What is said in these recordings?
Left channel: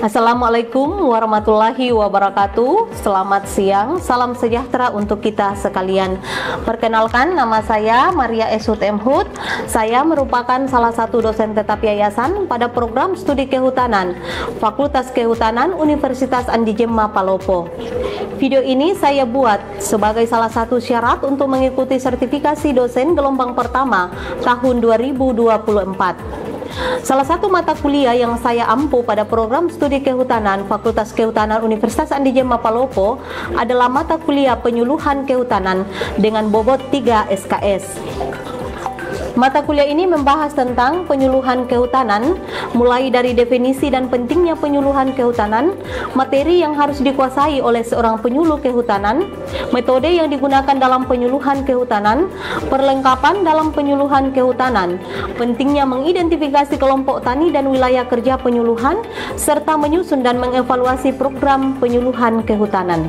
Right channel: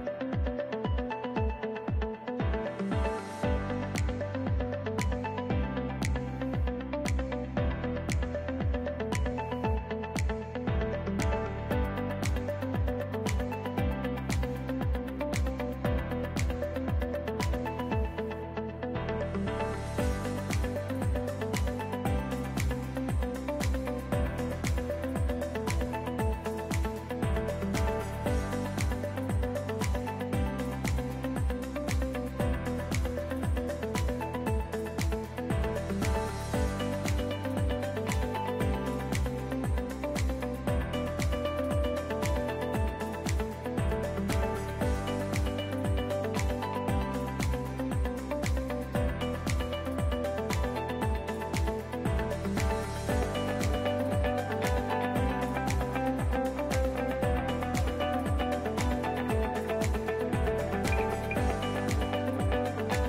Assalamualaikum warahmatullahi wabarakatuh. Selamat siang, salam sejahtera untuk kita sekalian. Perkenalkan, nama saya Maria Esut M. Hud. Saya merupakan salah satu dosen tetap yayasan pada program studi kehutanan Fakultas Kehutanan Universitas Andi Jemma Palopo. Video ini saya buat sebagai salah satu syarat untuk mengikuti sertifikasi dosen gelombang pertama tahun 2024. Salah satu mata kuliah yang saya ampu pada program studi kehutanan Fakultas Kehutanan Universitas Andi Jemma Palopo adalah mata kuliah penyuluhan kehutanan dengan bobot 3 SKS. Mata kuliah ini membahas tentang penyuluhan kehutanan, mulai dari definisi dan pentingnya penyuluhan kehutanan, materi yang harus dikuasai oleh seorang penyuluh kehutanan, metode yang digunakan dalam penyuluhan kehutanan, perlengkapan dalam penyuluhan kehutanan, pentingnya mengidentifikasi kelompok tani dan wilayah kerja penyuluhan, serta menyusun dan mengevaluasi program penyuluhan kehutanan.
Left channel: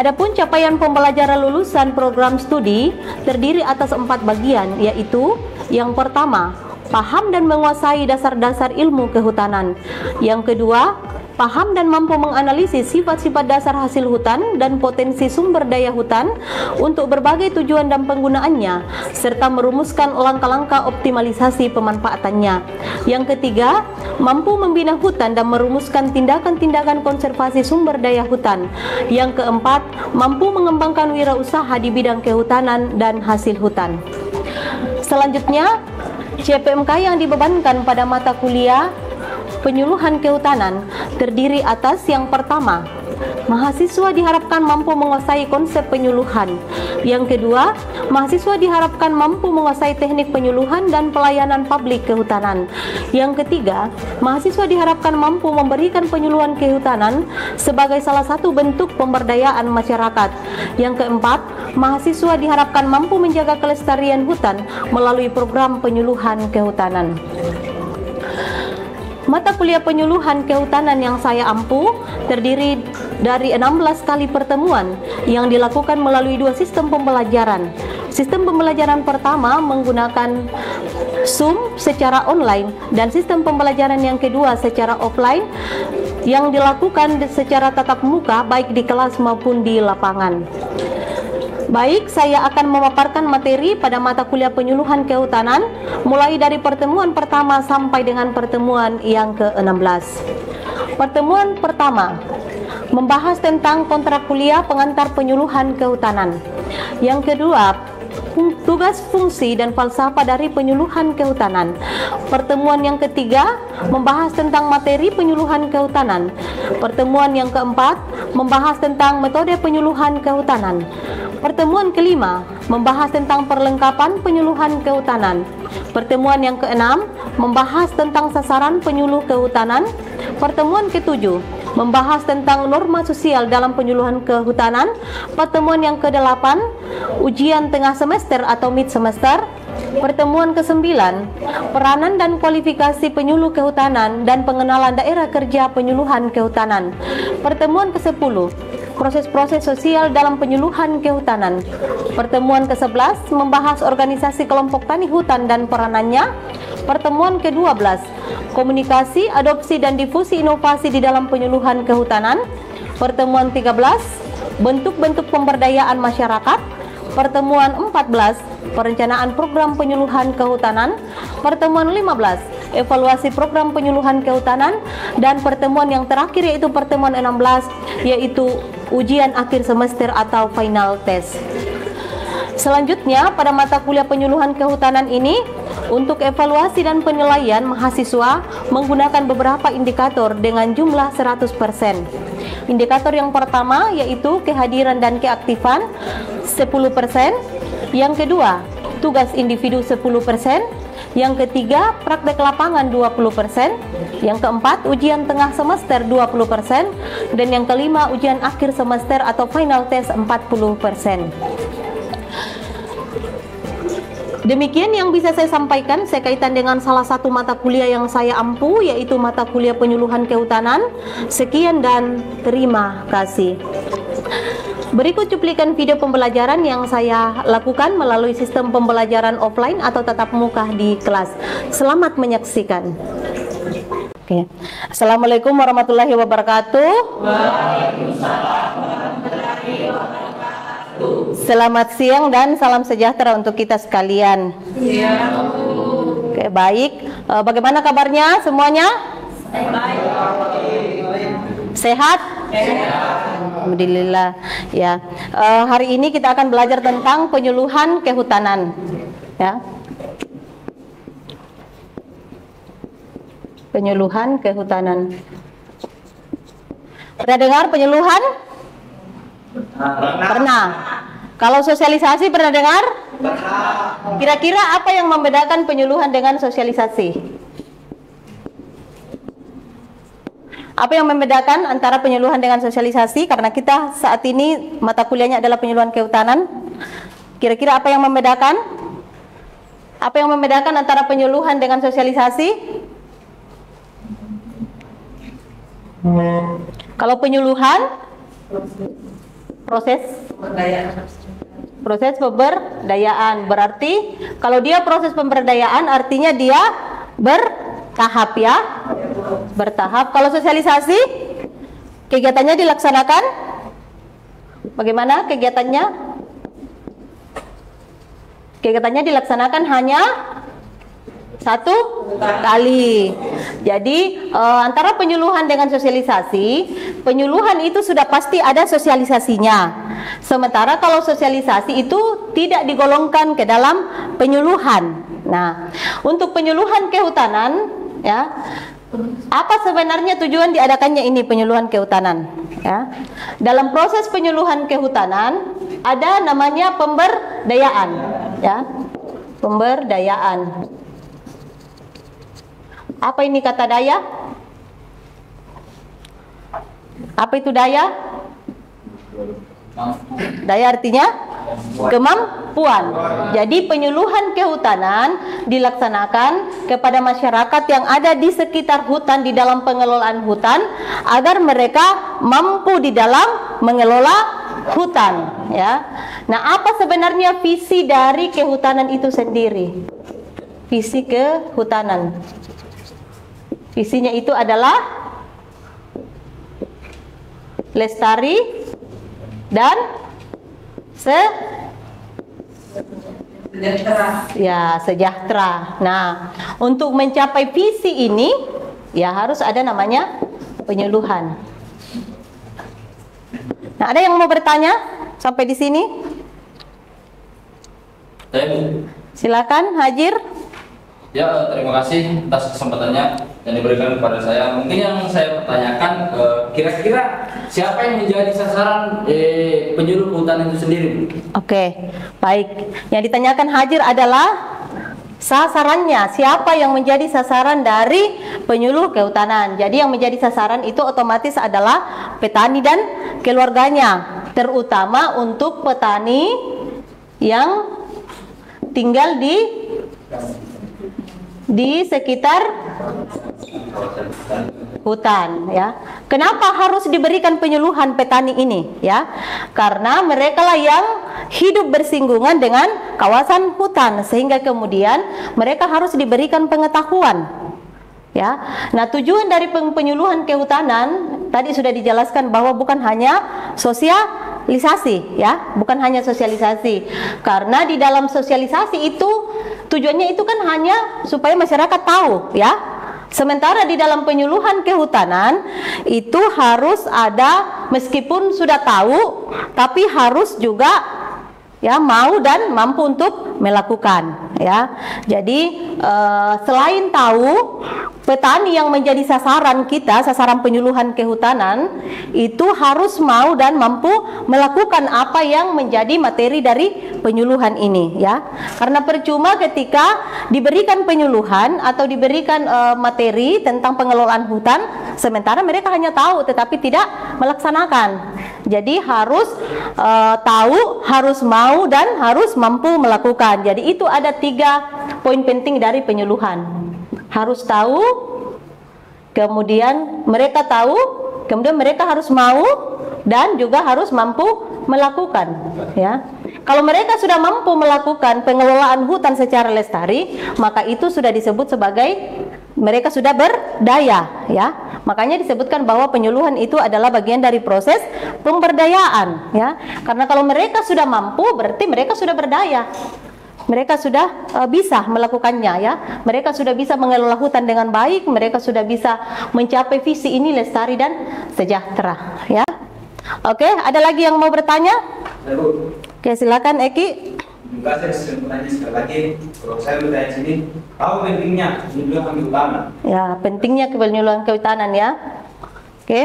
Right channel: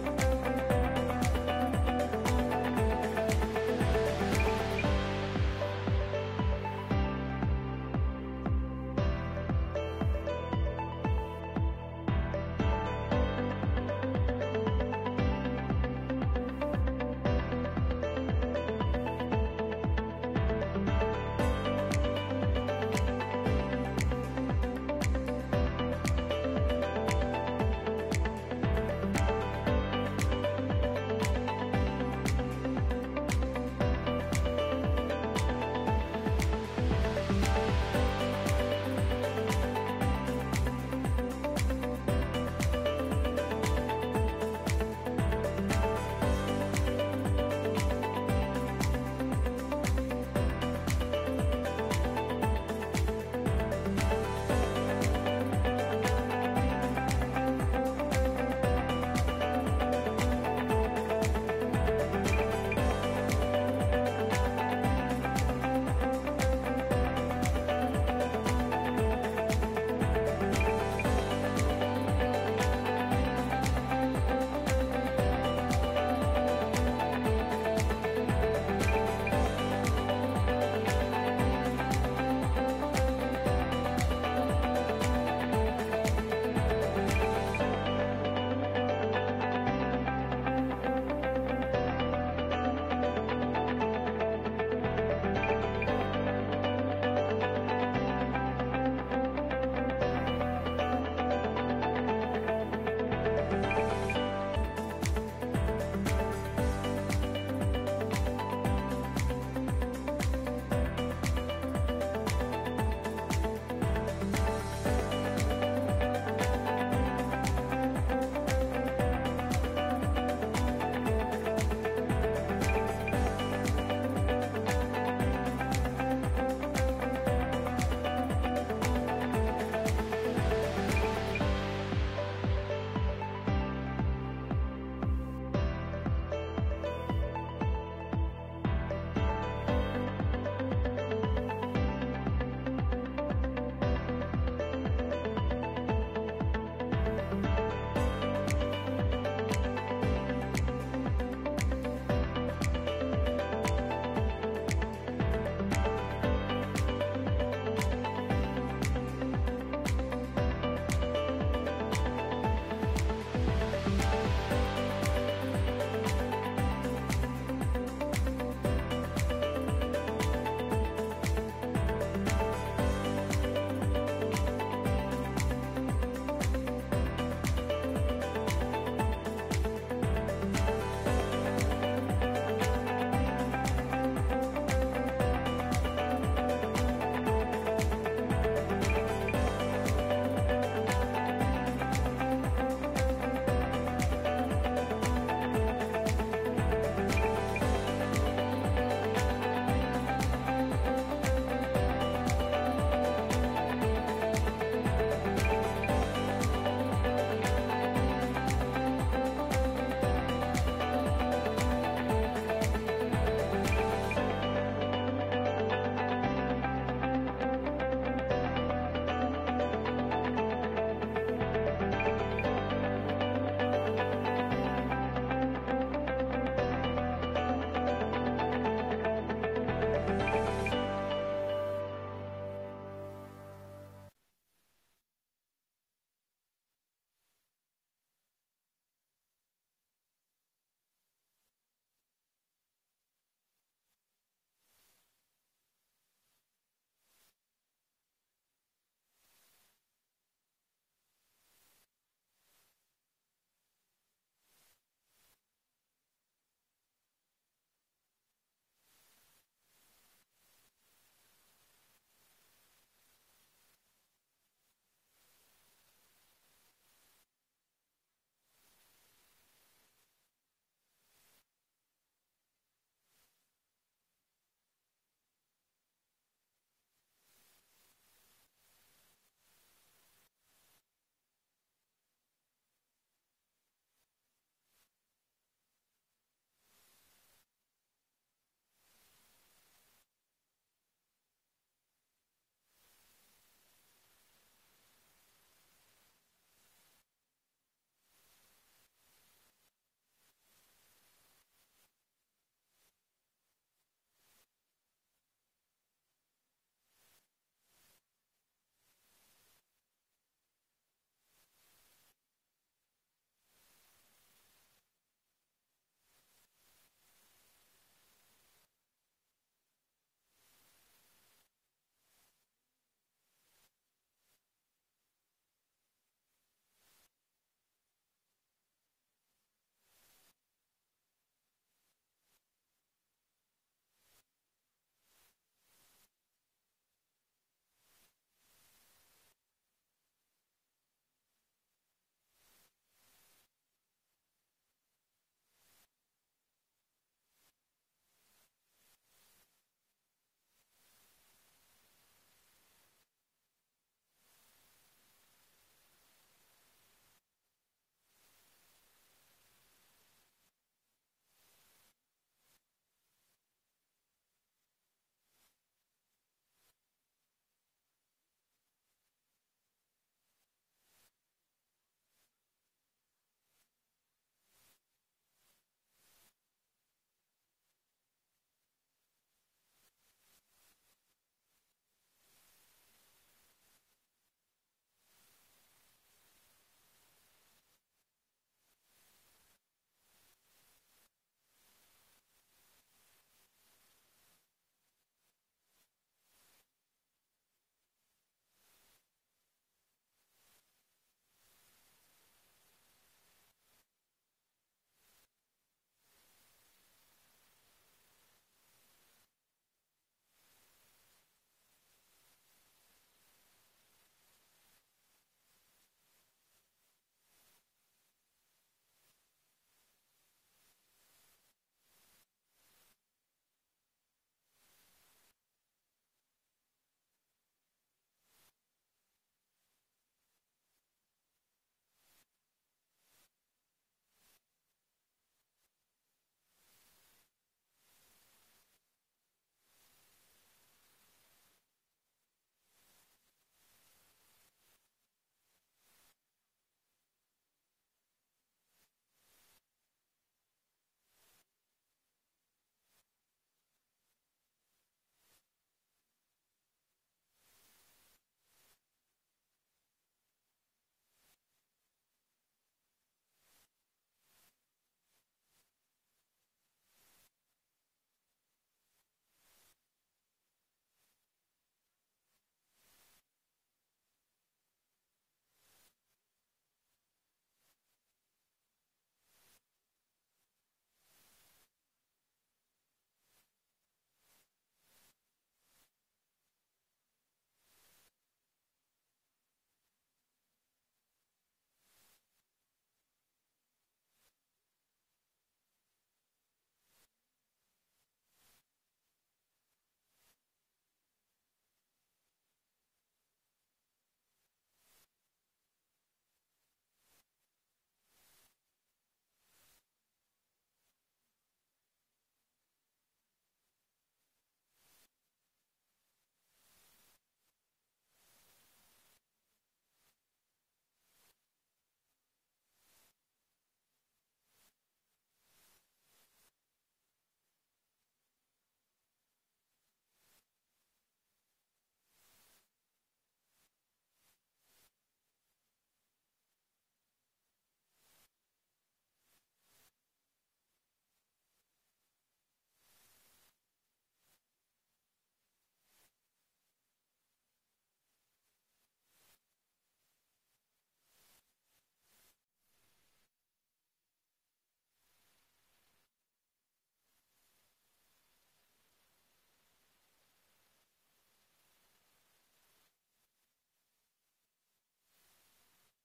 Adapun capaian pembelajaran lulusan program studi terdiri atas 4 bagian, yaitu yang pertama, paham dan menguasai dasar-dasar ilmu kehutanan. Yang kedua, paham dan mampu menganalisis sifat-sifat dasar hasil hutan dan potensi sumber daya hutan untuk berbagai tujuan dan penggunaannya, serta merumuskan langkah-langkah optimalisasi pemanfaatannya. Yang ketiga, mampu membina hutan dan merumuskan tindakan-tindakan konservasi sumber daya hutan. Yang keempat, mampu mengembangkan wirausaha di bidang kehutanan dan hasil hutan. Selanjutnya, CPMK yang dibebankan pada mata kuliah penyuluhan kehutanan terdiri atas yang pertama, mahasiswa diharapkan mampu menguasai konsep penyuluhan. Yang kedua, mahasiswa diharapkan mampu menguasai teknik penyuluhan dan pelayanan publik kehutanan. Yang ketiga, mahasiswa diharapkan mampu memberikan penyuluhan kehutanan sebagai salah satu bentuk pemberdayaan masyarakat. Yang keempat, mahasiswa diharapkan mampu menjaga kelestarian hutan melalui program penyuluhan kehutanan. Mata kuliah penyuluhan kehutanan yang saya ampu terdiri dari 16 kali pertemuan yang dilakukan melalui 2 sistem pembelajaran. Sistem pembelajaran pertama menggunakan Zoom secara online dan sistem pembelajaran yang kedua secara offline yang dilakukan secara tatap muka baik di kelas maupun di lapangan. Baik, saya akan memaparkan materi pada mata kuliah penyuluhan kehutanan mulai dari pertemuan pertama sampai dengan pertemuan yang ke-16. Pertemuan pertama membahas tentang kontrak kuliah pengantar penyuluhan kehutanan. Yang kedua, tugas, fungsi, dan falsafah dari penyuluhan kehutanan. Pertemuan yang ketiga membahas tentang materi penyuluhan kehutanan. Pertemuan yang keempat membahas tentang metode penyuluhan kehutanan. Pertemuan kelima membahas tentang perlengkapan penyuluhan kehutanan. Pertemuan yang keenam membahas tentang sasaran penyuluh kehutanan. Pertemuan ketujuh membahas tentang norma sosial dalam penyuluhan kehutanan. Pertemuan yang kedelapan ujian tengah semester atau mid semester. Pertemuan ke-9 peranan dan kualifikasi penyuluh kehutanan dan pengenalan daerah kerja penyuluhan kehutanan. Pertemuan ke-10 proses-proses sosial dalam penyuluhan kehutanan. Pertemuan ke-11 membahas organisasi kelompok tani hutan dan peranannya. Pertemuan ke-12 komunikasi, adopsi, dan difusi inovasi di dalam penyuluhan kehutanan. Pertemuan 13 bentuk-bentuk pemberdayaan masyarakat. Pertemuan 14 perencanaan program penyuluhan kehutanan. Pertemuan 15 evaluasi program penyuluhan kehutanan. Dan pertemuan yang terakhir yaitu pertemuan 16 yaitu ujian akhir semester atau final test. Selanjutnya pada mata kuliah penyuluhan kehutanan ini untuk evaluasi dan penilaian mahasiswa menggunakan beberapa indikator dengan jumlah 100%. Indikator yang pertama yaitu kehadiran dan keaktifan 10%, yang kedua tugas individu 10%, yang ketiga praktek lapangan 20%, yang keempat ujian tengah semester 20%, dan yang kelima ujian akhir semester atau final test 40%. Demikian yang bisa saya sampaikan sekaitan dengan salah satu mata kuliah yang saya ampu, yaitu mata kuliah penyuluhan kehutanan. Sekian dan terima kasih. Berikut cuplikan video pembelajaran yang saya lakukan melalui sistem pembelajaran offline atau tatap muka di kelas. Selamat menyaksikan. Oke. Assalamualaikum warahmatullahi wabarakatuh. Selamat siang dan salam sejahtera untuk kita sekalian. Oke, baik. Bagaimana kabarnya semuanya? Sehat? Alhamdulillah. Ya. Hari ini kita akan belajar tentang penyuluhan kehutanan. Ya. Penyuluhan kehutanan. Pernah dengar penyuluhan? Pernah. Kalau sosialisasi pernah dengar? Kira-kira apa yang membedakan penyuluhan dengan sosialisasi? Apa yang membedakan antara penyuluhan dengan sosialisasi? Karena kita saat ini mata kuliahnya adalah penyuluhan kehutanan. Kira-kira apa yang membedakan? Apa yang membedakan antara penyuluhan dengan sosialisasi? Kalau penyuluhan, proses pemberdayaan, berarti kalau dia proses pemberdayaan artinya dia bertahap, ya, bertahap. Kalau sosialisasi, kegiatannya dilaksanakan bagaimana kegiatannya? Kegiatannya dilaksanakan hanya satu kali. Jadi antara penyuluhan dengan sosialisasi, penyuluhan itu sudah pasti ada sosialisasinya. Sementara kalau sosialisasi itu tidak digolongkan ke dalam penyuluhan. Nah, untuk penyuluhan kehutanan, ya, apa sebenarnya tujuan diadakannya ini penyuluhan kehutanan? Ya, dalam proses penyuluhan kehutanan ada namanya pemberdayaan, ya, pemberdayaan. Apa ini kata daya? Apa itu daya? Daya artinya kemampuan. Jadi penyuluhan kehutanan dilaksanakan kepada masyarakat yang ada di sekitar hutan, di dalam pengelolaan hutan, agar mereka mampu di dalam mengelola hutan, ya. Nah, apa sebenarnya visi dari kehutanan itu sendiri? Visi kehutanan. Visinya itu adalah lestari dan sejahtera. Nah, untuk mencapai visi ini, ya harus ada namanya penyuluhan. Nah, ada yang mau bertanya sampai di sini? Silakan, Hajir. Ya, terima kasih atas kesempatannya yang diberikan kepada saya. Mungkin yang saya pertanyakan, kira-kira siapa yang menjadi sasaran penyuluh kehutanan itu sendiri? Oke, baik. Yang ditanyakan Hajir adalah sasarannya, siapa yang menjadi sasaran dari penyuluh kehutanan. Jadi yang menjadi sasaran itu otomatis adalah petani dan keluarganya, terutama untuk petani yang tinggal di sekitar hutan, ya. Kenapa harus diberikan penyuluhan petani ini, ya? Karena mereka lah yang hidup bersinggungan dengan kawasan hutan, sehingga kemudian mereka harus diberikan pengetahuan, ya. Nah, tujuan dari penyuluhan kehutanan tadi sudah dijelaskan bahwa bukan hanya sosialisasi, ya, bukan hanya sosialisasi. Karena di dalam sosialisasi itu tujuannya itu kan hanya supaya masyarakat tahu, ya. Sementara di dalam penyuluhan kehutanan itu harus ada, meskipun sudah tahu, tapi harus juga, ya, mau dan mampu untuk melakukan, ya. Jadi selain tahu, petani yang menjadi sasaran kita, sasaran penyuluhan kehutanan, itu harus mau dan mampu melakukan apa yang menjadi materi dari penyuluhan ini, ya. Karena percuma ketika diberikan penyuluhan atau diberikan materi tentang pengelolaan hutan, sementara mereka hanya tahu tetapi tidak melaksanakan. Jadi harus tahu, harus mau, dan harus mampu melakukan. Jadi itu ada 3 poin penting dari penyuluhan. Harus tahu, kemudian mereka tahu, kemudian mereka harus mau, dan juga harus mampu melakukan, ya. Kalau mereka sudah mampu melakukan pengelolaan hutan secara lestari, maka itu sudah disebut sebagai mereka sudah berdaya, ya. Makanya disebutkan bahwa penyuluhan itu adalah bagian dari proses pemberdayaan, ya. Karena kalau mereka sudah mampu, berarti mereka sudah berdaya. Mereka sudah bisa melakukannya, ya. Mereka sudah bisa mengelola hutan dengan baik, mereka sudah bisa mencapai visi ini lestari dan sejahtera, ya. Oke, ada lagi yang mau bertanya? Oke, silakan Eki. Terima kasih. Saya bertanya sekali lagi. Kalau saya bertanya sini, apa pentingnya penyuluhan kehutanan? Ya, pentingnya penyuluhan kehutanan, ya. Oke.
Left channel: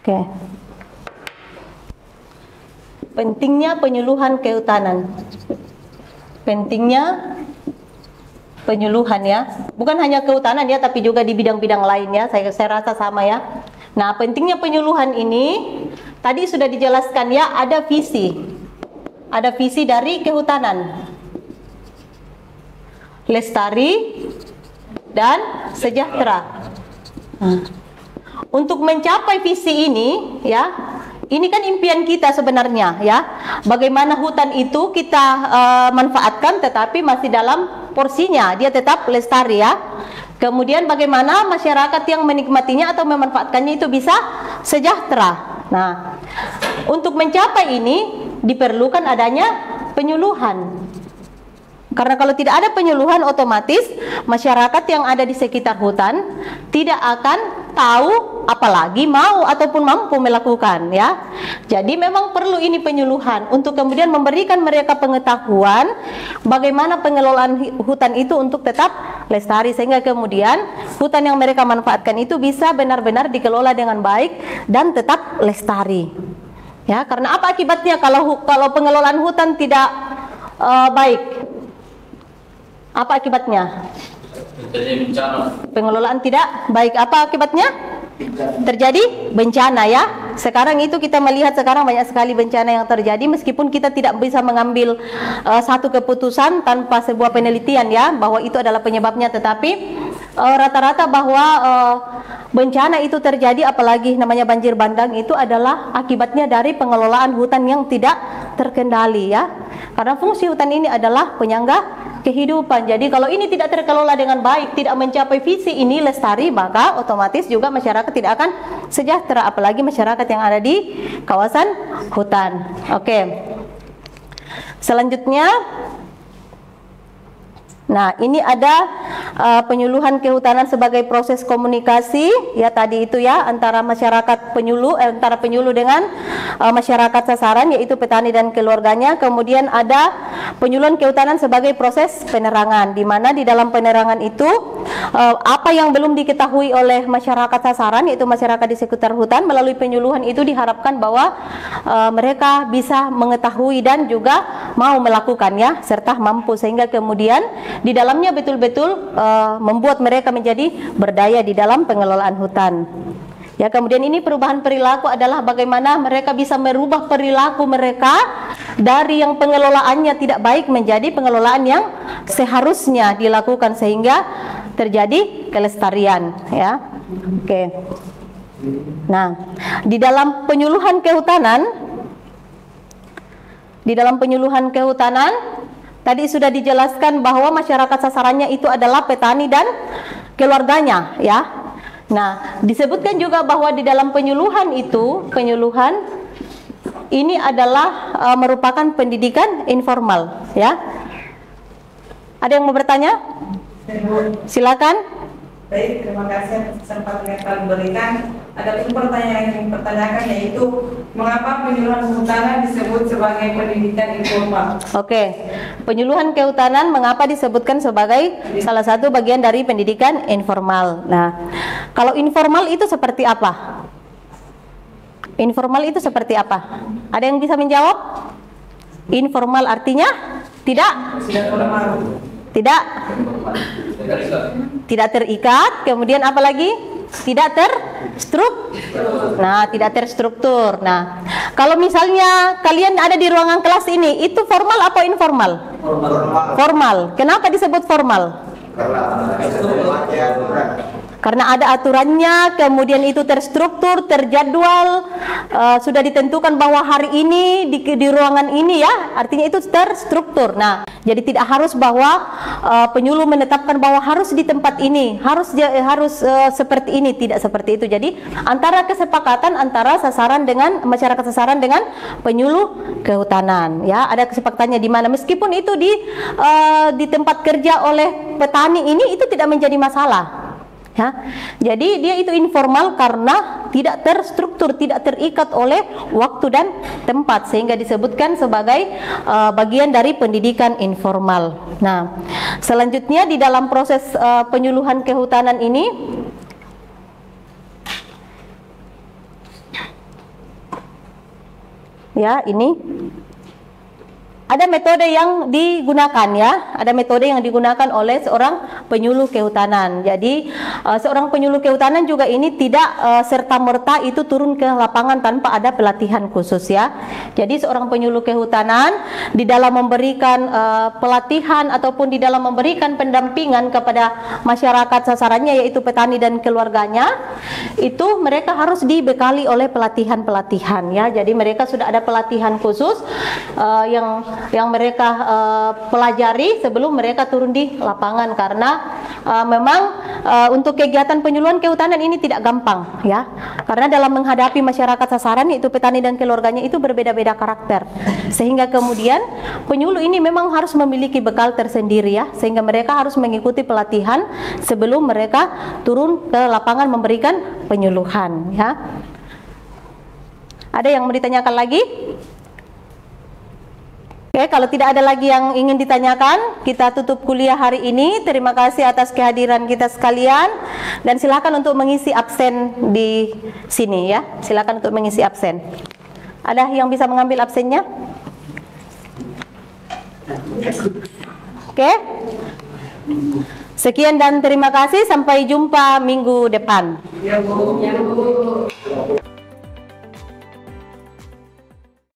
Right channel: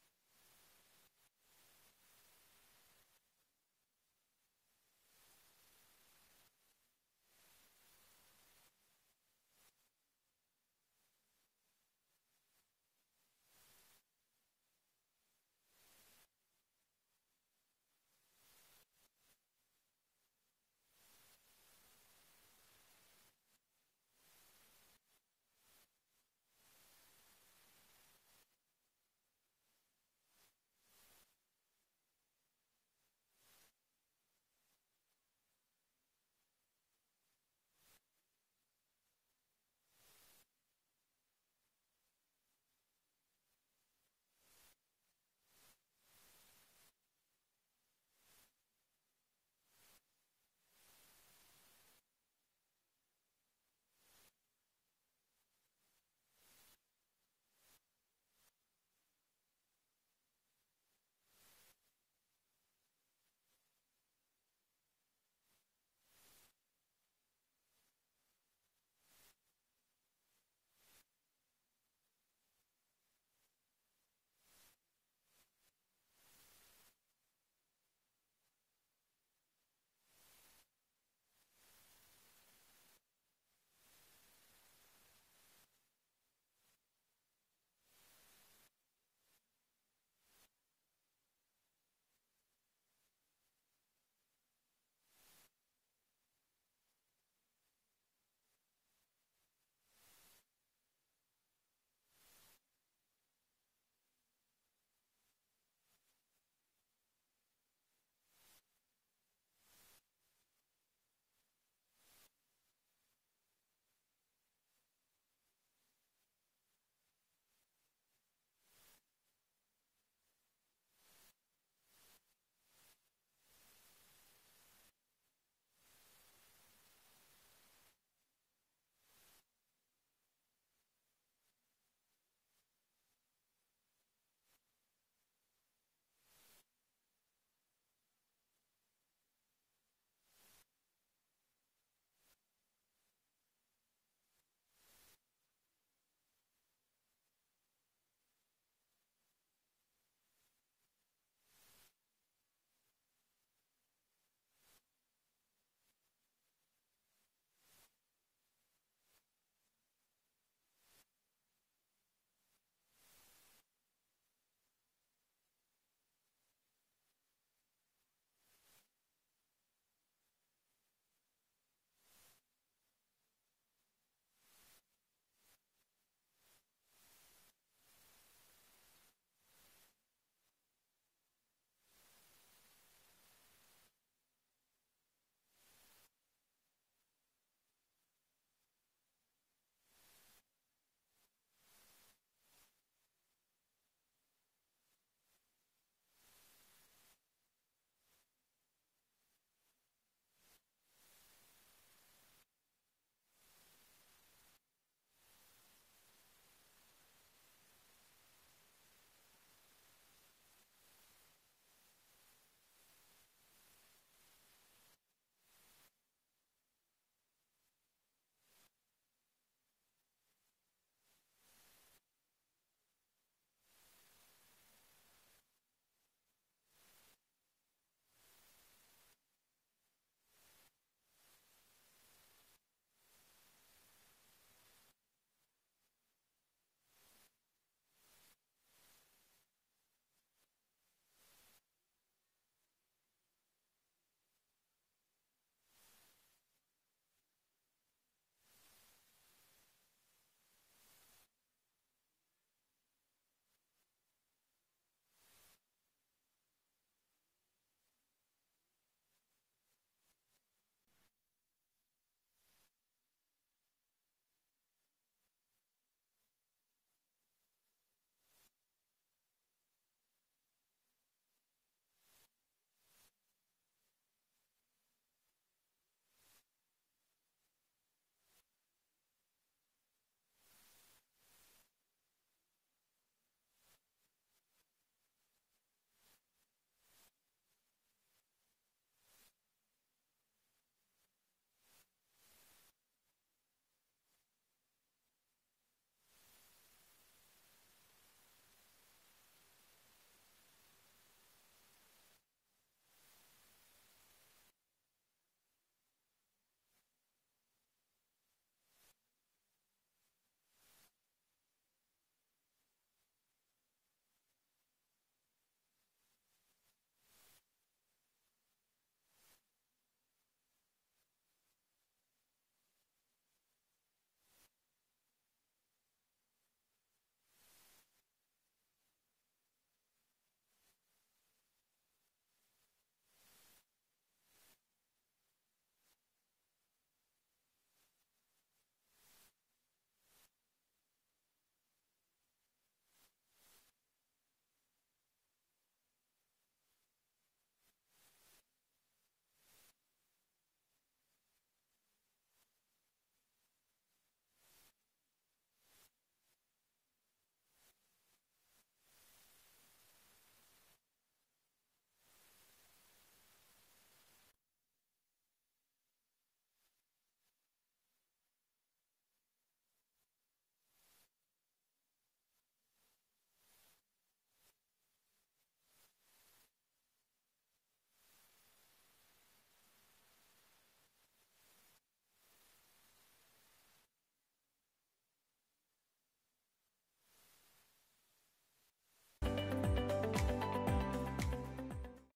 Oke. Pentingnya penyuluhan kehutanan. Pentingnya penyuluhan, ya. Bukan hanya kehutanan, ya, tapi juga di bidang-bidang lain, ya. Saya rasa sama, ya. Nah, pentingnya penyuluhan ini tadi sudah dijelaskan, ya, ada visi. Ada visi dari kehutanan. Lestari dan sejahtera. Untuk mencapai visi ini, ya, ini kan impian kita sebenarnya, ya. Bagaimana hutan itu kita manfaatkan tetapi masih dalam porsinya, dia tetap lestari, ya. Kemudian bagaimana masyarakat yang menikmatinya atau memanfaatkannya itu bisa sejahtera. Nah, untuk mencapai ini diperlukan adanya penyuluhan. Karena kalau tidak ada penyuluhan, otomatis masyarakat yang ada di sekitar hutan tidak akan tahu, apalagi mau ataupun mampu melakukan, ya. Jadi memang perlu ini penyuluhan untuk kemudian memberikan mereka pengetahuan bagaimana pengelolaan hutan itu untuk tetap lestari, sehingga kemudian hutan yang mereka manfaatkan itu bisa benar-benar dikelola dengan baik dan tetap lestari. Ya, karena apa akibatnya kalau pengelolaan hutan tidak baik? Apa akibatnya? Terjadi bencana. Pengelolaan tidak baik, apa akibatnya? Terjadi bencana, ya. Sekarang itu kita melihat sekarang banyak sekali bencana yang terjadi, meskipun kita tidak bisa mengambil satu keputusan tanpa sebuah penelitian, ya, bahwa itu adalah penyebabnya, tetapi rata-rata bahwa bencana itu terjadi, apalagi namanya banjir bandang, itu adalah akibatnya dari pengelolaan hutan yang tidak terkendali, ya. Karena fungsi hutan ini adalah penyangga kehidupan. Jadi kalau ini tidak terkelola dengan baik, tidak mencapai visi ini lestari, maka otomatis juga masyarakat tidak akan sejahtera, apalagi masyarakat yang ada di kawasan hutan. Oke. Selanjutnya, nah, ini ada penyuluhan kehutanan sebagai proses komunikasi, ya, tadi itu, ya, antara masyarakat penyuluh, antara penyuluh dengan masyarakat sasaran, yaitu petani dan keluarganya. Kemudian ada penyuluhan kehutanan sebagai proses penerangan, di mana di dalam penerangan itu apa yang belum diketahui oleh masyarakat sasaran, yaitu masyarakat di sekitar hutan, melalui penyuluhan itu diharapkan bahwa mereka bisa mengetahui dan juga mau melakukan, ya, serta mampu, sehingga kemudian di dalamnya betul-betul membuat mereka menjadi berdaya di dalam pengelolaan hutan. Ya, kemudian ini perubahan perilaku adalah bagaimana mereka bisa merubah perilaku mereka dari yang pengelolaannya tidak baik menjadi pengelolaan yang seharusnya dilakukan, sehingga terjadi kelestarian, ya. Oke. Nah, di dalam penyuluhan kehutanan tadi sudah dijelaskan bahwa masyarakat sasarannya itu adalah petani dan keluarganya, ya. Nah, disebutkan juga bahwa di dalam penyuluhan ini adalah merupakan pendidikan informal, ya. Ada yang mau bertanya? Silakan. Baik, terima kasih atas kesempatan yang telah diberikan. Ada pertanyaan yang dipertanyakan, yaitu mengapa penyuluhan kehutanan disebut sebagai pendidikan informal? Oke, penyuluhan kehutanan mengapa disebutkan sebagai salah satu bagian dari pendidikan informal. Nah, kalau informal itu seperti apa? Informal itu seperti apa? Ada yang bisa menjawab? Informal artinya tidak? Tidak terikat. Kemudian apa lagi? Tidak terstruktur. Nah, tidak terstruktur. Nah, kalau misalnya kalian ada di ruangan kelas ini, itu formal apa informal? Formal. Kenapa disebut formal? Karena ada aturannya, kemudian itu terstruktur, terjadwal, sudah ditentukan bahwa hari ini di ruangan ini ya, artinya itu terstruktur. Nah, jadi tidak harus bahwa penyuluh menetapkan bahwa harus di tempat ini, harus seperti ini, tidak seperti itu. Jadi antara kesepakatan antara sasaran dengan masyarakat sasaran dengan penyuluh kehutanan, ya ada kesepakatannya di mana meskipun itu di tempat kerja oleh petani ini itu tidak menjadi masalah. Ya, jadi dia itu informal karena tidak terstruktur, tidak terikat oleh waktu dan tempat, sehingga disebutkan sebagai bagian dari pendidikan informal. Nah, selanjutnya di dalam proses penyuluhan kehutanan ini, ya ini ada metode yang digunakan ya, ada metode yang digunakan oleh seorang penyuluh kehutanan. Jadi seorang penyuluh kehutanan juga ini tidak serta-merta itu turun ke lapangan tanpa ada pelatihan khusus ya. Jadi seorang penyuluh kehutanan di dalam memberikan pelatihan ataupun di dalam memberikan pendampingan kepada masyarakat sasarannya yaitu petani dan keluarganya, itu mereka harus dibekali oleh pelatihan-pelatihan ya. Jadi mereka sudah ada pelatihan khusus yang mereka pelajari sebelum mereka turun di lapangan, karena memang untuk kegiatan penyuluhan kehutanan ini tidak gampang ya, karena dalam menghadapi masyarakat sasaran yaitu petani dan keluarganya itu berbeda-beda karakter, sehingga kemudian penyuluh ini memang harus memiliki bekal tersendiri ya, sehingga mereka harus mengikuti pelatihan sebelum mereka turun ke lapangan memberikan penyuluhan ya. Ada yang mau ditanyakan lagi? Oke, kalau tidak ada lagi yang ingin ditanyakan, kita tutup kuliah hari ini. Terima kasih atas kehadiran kita sekalian, dan silakan untuk mengisi absen di sini ya. Silakan untuk mengisi absen. Ada yang bisa mengambil absennya? Oke. Sekian dan terima kasih. Sampai jumpa minggu depan. Ya, Bu.